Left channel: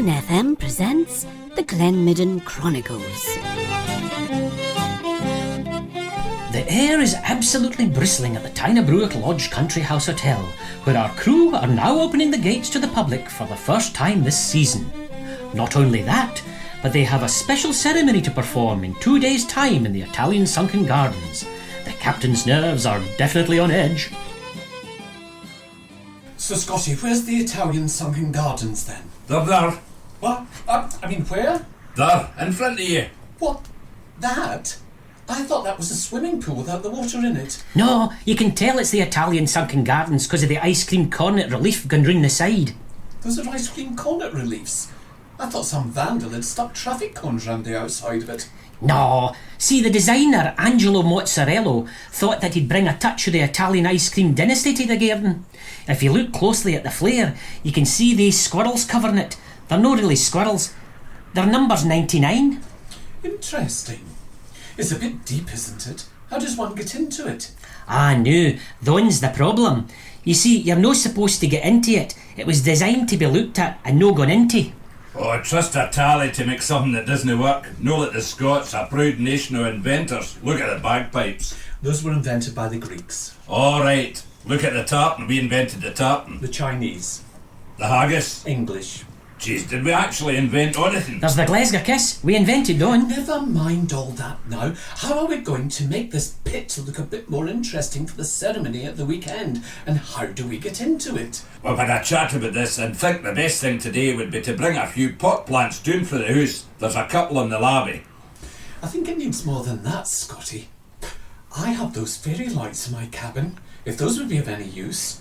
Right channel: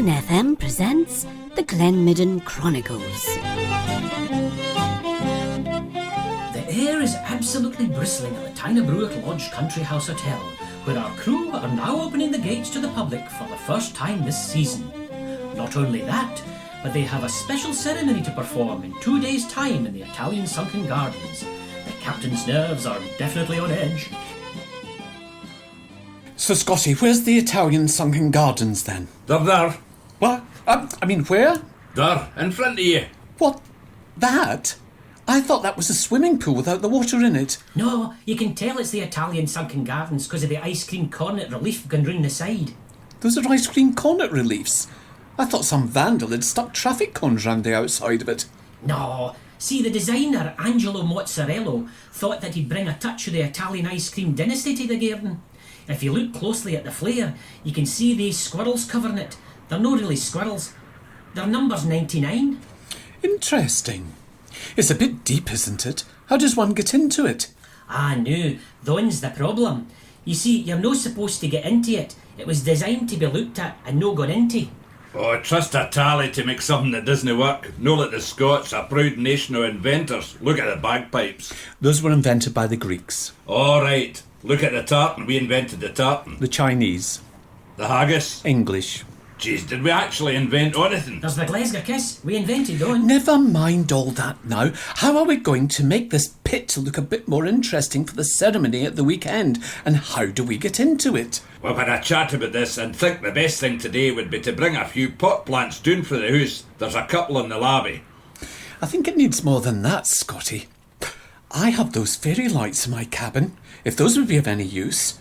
Midden FM presents the Midden Chronicles. The air is absolutely bristling at the Tynebruick Lodge Country House Hotel, where our crew are now opening the gates to the public for the first time this season. Not only that, but they have a special ceremony to perform in 2 days' time in the Italian Sunken Gardens. The captain's nerves are definitely on edge. So, Scotty, where's the Italian Sunken Gardens, then? They're there. What? I mean, where? There, in front of you. What? That? I thought that was a swimming pool without the water in it. No, you can tell it's the Italian Sunken Gardens because of the ice cream cornet relief going round the side. Those are ice cream cornet reliefs. I thought some vandal had stuck traffic cones round the outside of it. No, see, the designer, Angelo Mozzarella, thought that he'd bring a touch of the Italian ice cream dynasty to the garden. If you look closely at the flare, you can see these squirrels covering it. They're not really squirrels. Their number's 99. Interesting. It's a bit deep, isn't it? How does one get into it? Ah, no, thon's the problem. You see, you're not supposed to get into it. It was designed to be looked at and no gone into. Oh, I trust a tally to make something that doesn't work. No like the Scots, a proud nation of inventors. Look at the bagpipes. Those were invented by the Greeks. All right. Look at the tartan. We invented the tartan. The Chinese. The haggis. English. Jeez, did we actually invent anything? There's the Glasgow kiss. We invented Don. Never mind all that now. How are we going to make this pit look a bit more interesting for the ceremony at the weekend? And how do we get into it? We've had a chat about this and think the best thing today would be to bring a few pot plants down for the house. There's a couple in the lobby. I think it needs more than that, Scotty. I have those fairy lights in my cabin, if those would be of any use.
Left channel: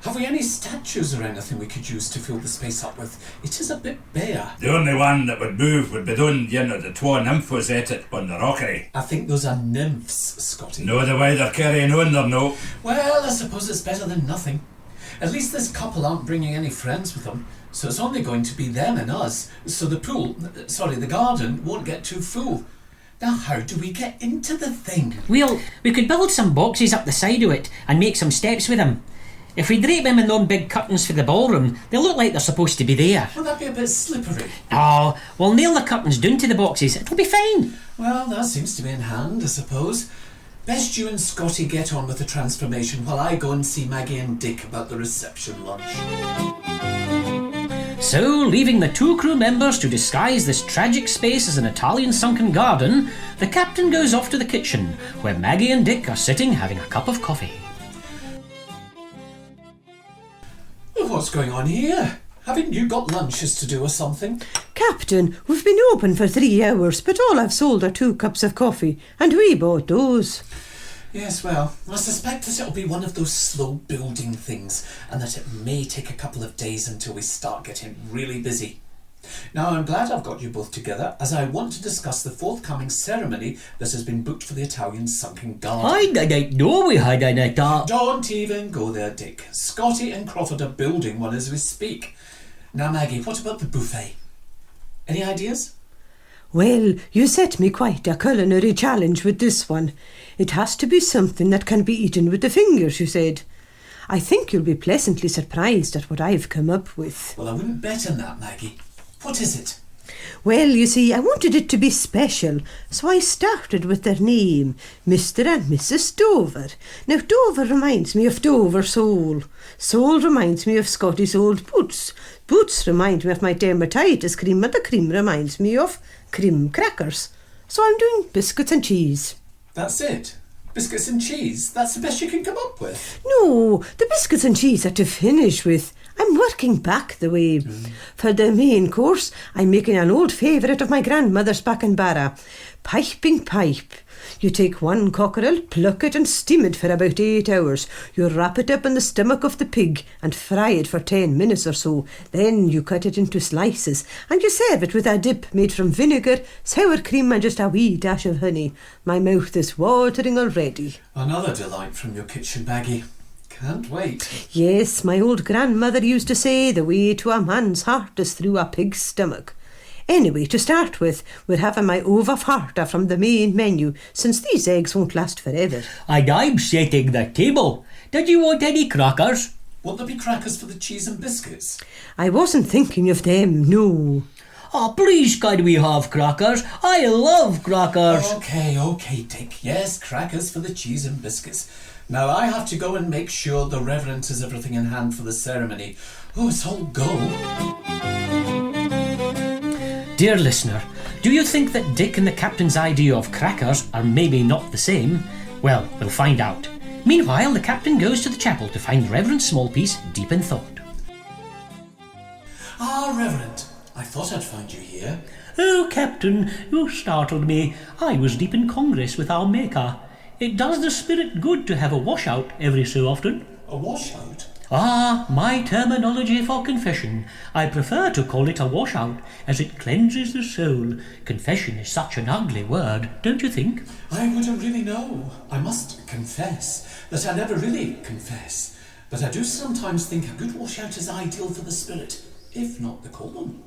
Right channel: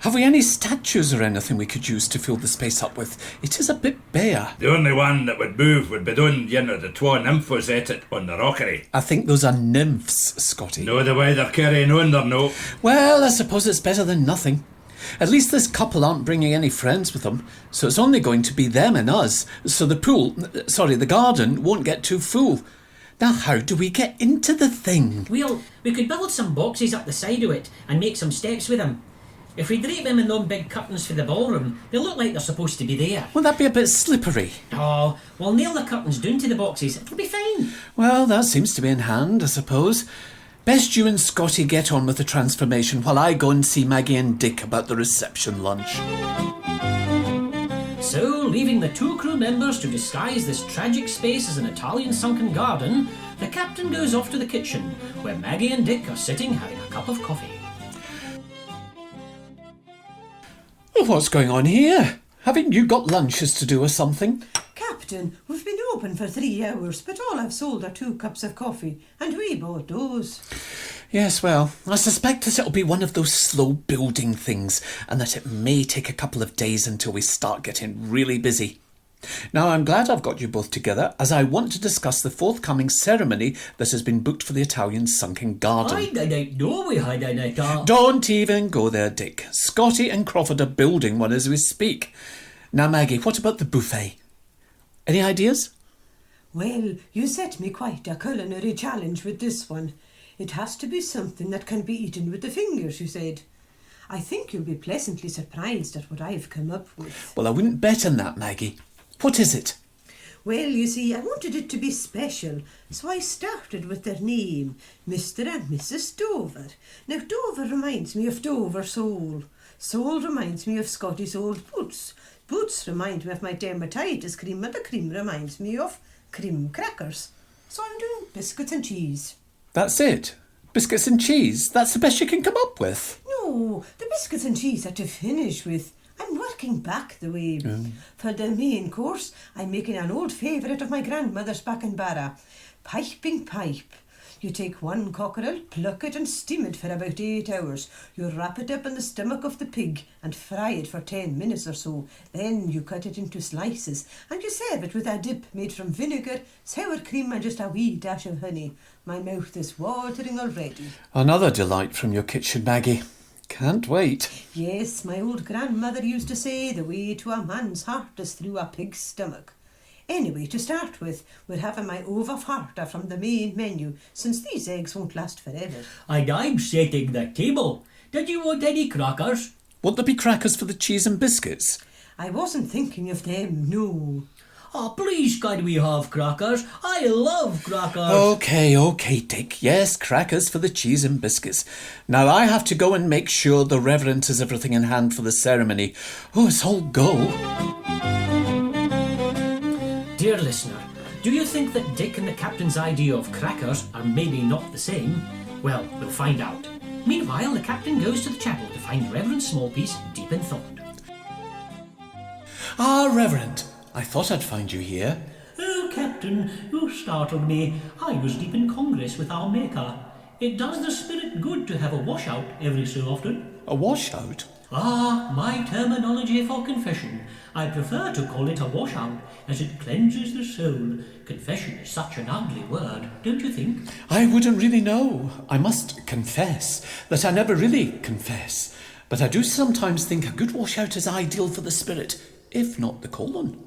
Have we any statues or anything we could use to fill the space up with? It is a bit bare. The only one that would move would be done, the twa nymphos at it on the rockery. I think those are nymphs, Scotty. No, the way they're carrying on, they're no. Well, I suppose it's better than nothing. At least this couple aren't bringing any friends with them, so it's only going to be them and us. So the garden won't get too full. Now, how do we get into the thing? Well, we could build some boxes up the side of it and make some steps with them. If we drape them in them big curtains for the ballroom, they look like they're supposed to be there. Will that be a bit slippery? Oh, we'll nail the curtains down to the boxes. It'll be fine. Well, that seems to be in hand, I suppose. Best you and Scotty get on with the transformation while I go and see Maggie and Dick about the reception lunch. So, leaving the two crew members to disguise this tragic space as an Italian sunken garden, the captain goes off to the kitchen, where Maggie and Dick are sitting having a cup of coffee. What's going on here? Haven't you got lunches to do or something? Captain, we've been open for 3 hours, but all I've sold are 2 cups of coffee, and we bought those. Yes, well, I suspect that it'll be one of those slow building things, and that it may take a couple of days until we start getting really busy. Now, I'm glad I've got you both together, as I want to discuss the forthcoming ceremony that has been booked for the Italian Sunken Garden. I didn't know we had an Italian. Don't even go there, Dick. Scotty and Crawford are building one as we speak. Now, Maggie, what about the buffet? Any ideas? Well, you set me quite a culinary challenge with this one. It has to be something that can be eaten with the fingers, you said. I think you'll be pleasantly surprised at what I've come up with. Well, I wouldn't bet on that, Maggie. What is it? Well, you see, I wanted it to be special, so I started with their name, Mr. and Mrs. Dover. Now, Dover reminds me of Dover sole. Sole reminds me of Scotty's old boots. Boots remind me of my dermatitis cream, and the cream reminds me of cream crackers. So I'm doing biscuits and cheese. That's it? Biscuits and cheese? That's the best you can come up with? No, the biscuits and cheese are to finish with. I'm working back the way. For the main course, I'm making an old favourite of my grandmother's back in Barra. Piping pipe. You take 1 cockerel, pluck it and steam it for about 8 hours. You wrap it up in the stomach of the pig and fry it for 10 minutes or so. Then you cut it into slices and you serve it with a dip made from vinegar, sour cream and just a wee dash of honey. My mouth is watering already. Another delight from your kitchen, Maggie. Can't wait. Yes, my old grandmother used to say the way to a man's heart is through a pig's stomach. Anyway, to start with, we're having my ova farta from the main menu, since these eggs won't last forever. And I'm setting the table. Did you want any crackers? Won't there be crackers for the cheese and biscuits? I wasn't thinking of them, no. Oh, please, could we have crackers? I love crackers. Okay, Dick. Yes, crackers for the cheese and biscuits. Now I have to go and make sure the Reverend has everything in hand for the ceremony. Oh, it's all go. Dear listener, do you think that Dick and the captain's idea of crackers are maybe not the same? Well, we'll find out. Meanwhile, the captain goes to the chapel to find Reverend Smallpiece deep in thought. Ah, Reverend, I thought I'd find you here. Oh, Captain, you startled me. I was deep in Congress with our Maker. It does the spirit good to have a washout every so often. A washout? Ah, my terminology for confession. I prefer to call it a washout, as it cleanses the soul. Confession is such an ugly word, don't you think? I wouldn't really know. I must confess that I never really confess. But I do sometimes think a good washout is ideal for the spirit, if not the colon.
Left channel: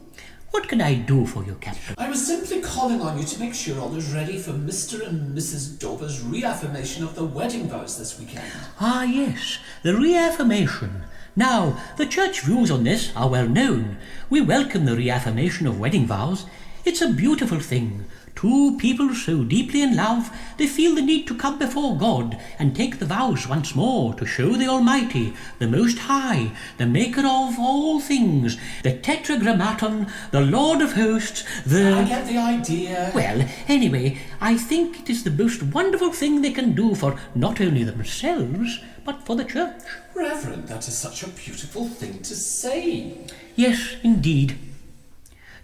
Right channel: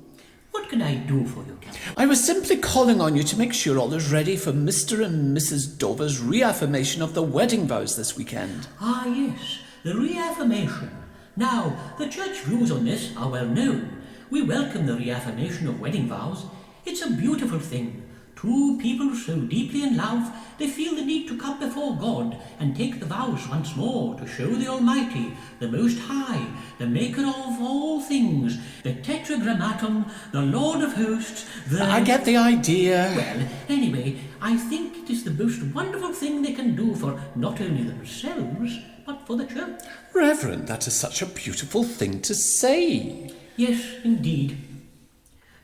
What can I do for you, Captain? I was simply calling on you to make sure all is ready for Mr. and Mrs. Dover's reaffirmation of the wedding vows this weekend. Ah, yes, the reaffirmation. Now, the church views on this are well known. We welcome the reaffirmation of wedding vows. It's a beautiful thing. Two people so deeply in love, they feel the need to come before God and take the vows once more to show the Almighty, the Most High, the Maker of all things, the Tetragrammaton, the Lord of Hosts, the... I get the idea. Well, anyway, I think it is the most wonderful thing they can do for not only themselves, but for the church. Reverend, that is such a beautiful thing to say. Yes, indeed.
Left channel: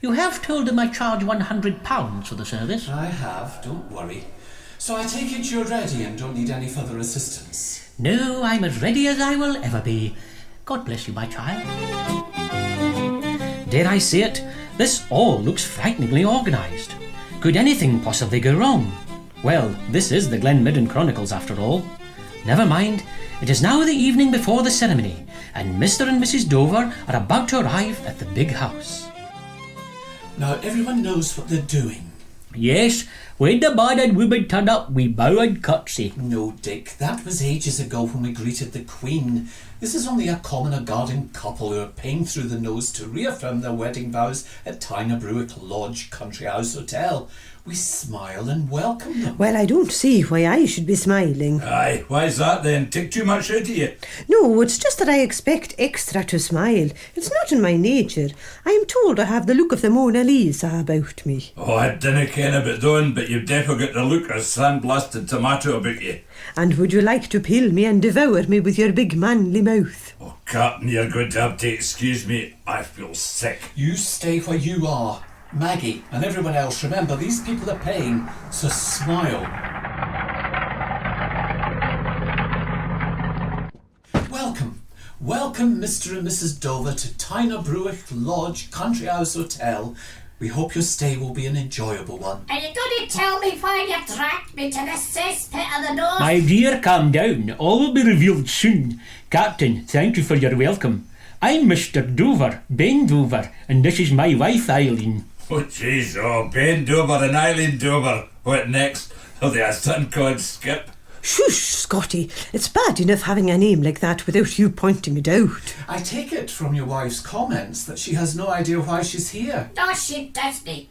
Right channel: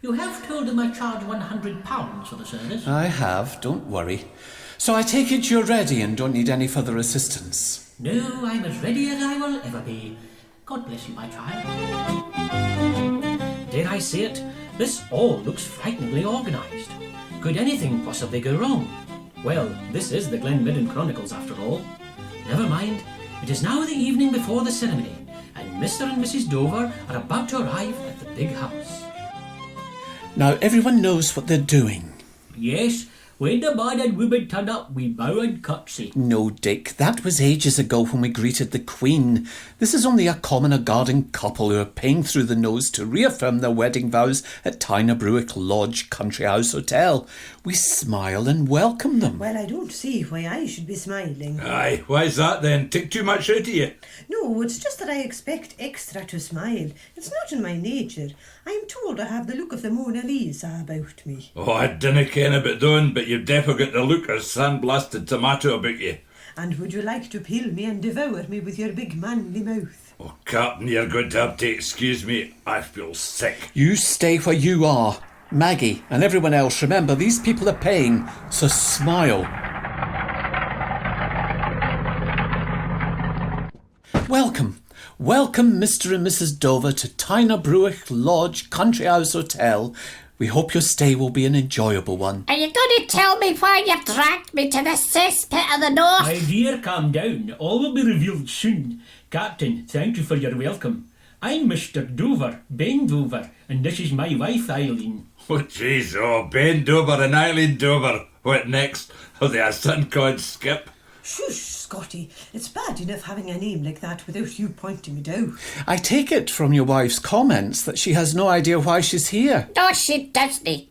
You have told them I charge £100 for the service. I have, don't worry. So I take it you're ready and don't need any further assistance. No, I'm as ready as I will ever be. God bless you, my child. Dare I say it? This all looks frighteningly organised. Could anything possibly go wrong? Well, this is the Glen Midden Chronicles after all. Never mind. It is now the evening before the ceremony, and Mr. and Mrs. Dover are about to arrive at the big house. Now everyone knows what they're doing. Yes, when the man and woman turn up, we bow and curtsy. No, Dick, that was ages ago when we greeted the Queen. This is only a common or garden couple who are paying through the nose to reaffirm their wedding vows at Tynerbruick Lodge Country House Hotel. We smile and welcome them. Well, I don't see why I should be smiling. Aye, why's that then? Take too much out of you. No, it's just that I expect extra to smile. It's not in my nature. I am told I have the look of the Mona Lisa about me. Oh, I dinna ken about doing, but you've definitely got the look of sandblasted tomato about you. And would you like to peel me and devour me with your big manly mouth? Oh, Captain, you're going to have to excuse me. I feel sick. You stay where you are. Maggie and everyone else, remember, these people are paying, so smile. Welcome Mr. and Mrs. Dover to Tynerbruick Lodge Country House Hotel. We hope your stay will be an enjoyable one. Are you going to tell me why you've dragged me to the cesspit of the north? My dear, calm down. All will be revealed soon. Captain, thank you for your welcome. I'm Mr. Dover, Ben Dover, and this is my wife, Eileen. Oh, jeez, oh, Ben Dover and Eileen Dover. What next? Oh, they a son called Skip. Shush, Scotty. It's bad enough having a name like that without you pointing it out. I take it from your wife's comments that she has no idea why she's here. No, she doesn't.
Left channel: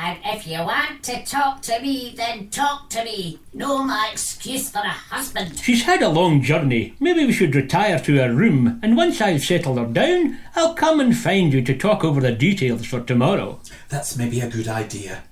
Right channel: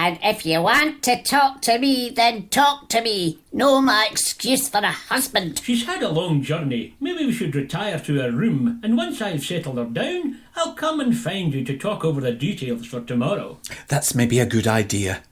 And if you want to talk to me, then talk to me. No my excuse for a husband. She's had a long journey. Maybe we should retire to her room, and once I've settled her down, I'll come and find you to talk over the details for tomorrow. That's maybe a good idea.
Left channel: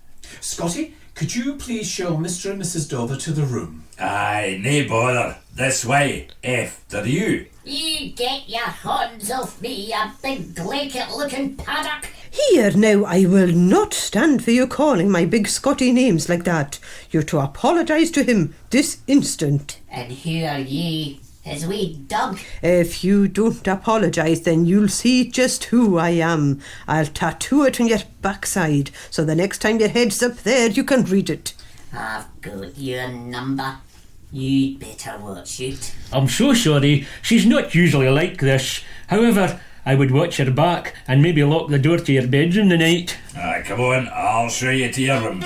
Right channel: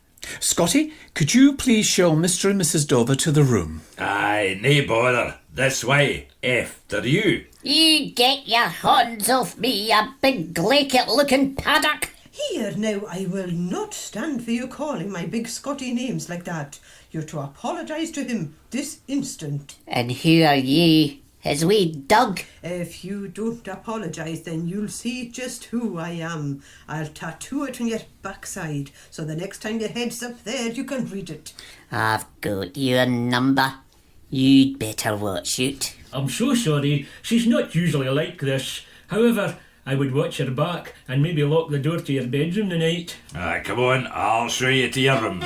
Scotty, could you please show Mr. and Mrs. Dover to the room? Aye, nae bother. This way. After you. You get your hands off me, you big glaikit-looking paddock. Here now, I will not stand for you calling my big Scotty names like that. You're to apologise to him this instant. And who are ye? His wee Doug? If you don't apologise, then you'll see just who I am. I'll tattoo it on your backside, so the next time your head's up there, you can read it. I've got your number. You'd better watch it. I'm so sorry. She's not usually like this. However, I would watch her back and maybe lock the door to your bedroom tonight. Aye, come on, I'll show you to your rooms.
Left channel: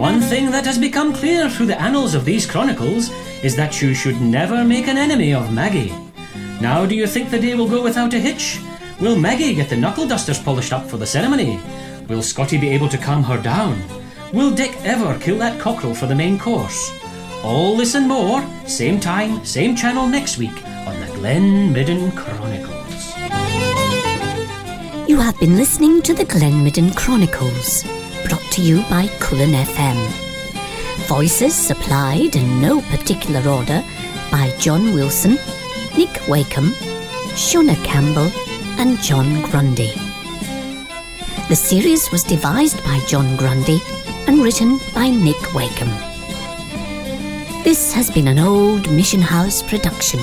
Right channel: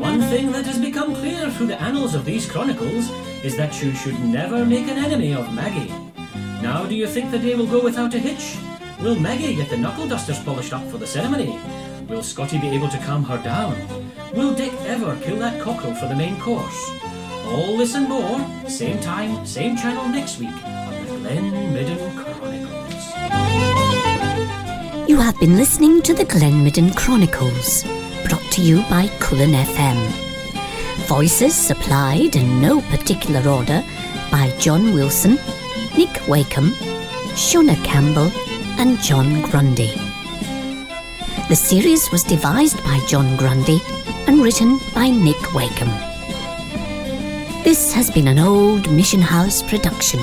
One thing that has become clear through the annals of these chronicles is that you should never make an enemy of Maggie. Now do you think the day will go without a hitch? Will Maggie get the knuckle dusters polished up for the ceremony? Will Scotty be able to calm her down? Will Dick ever kill that cockerel for the main course? All this and more, same time, same channel next week on the Glen Midden Chronicles. You have been listening to the Glen Midden Chronicles, brought to you by Cullen FM. Voices supplied in no particular order by John Wilson, Nick Wakeham, Shona Campbell and John Grundy. The series was devised by John Grundy and written by Nick Wakeham. This has been an Old Mission House production.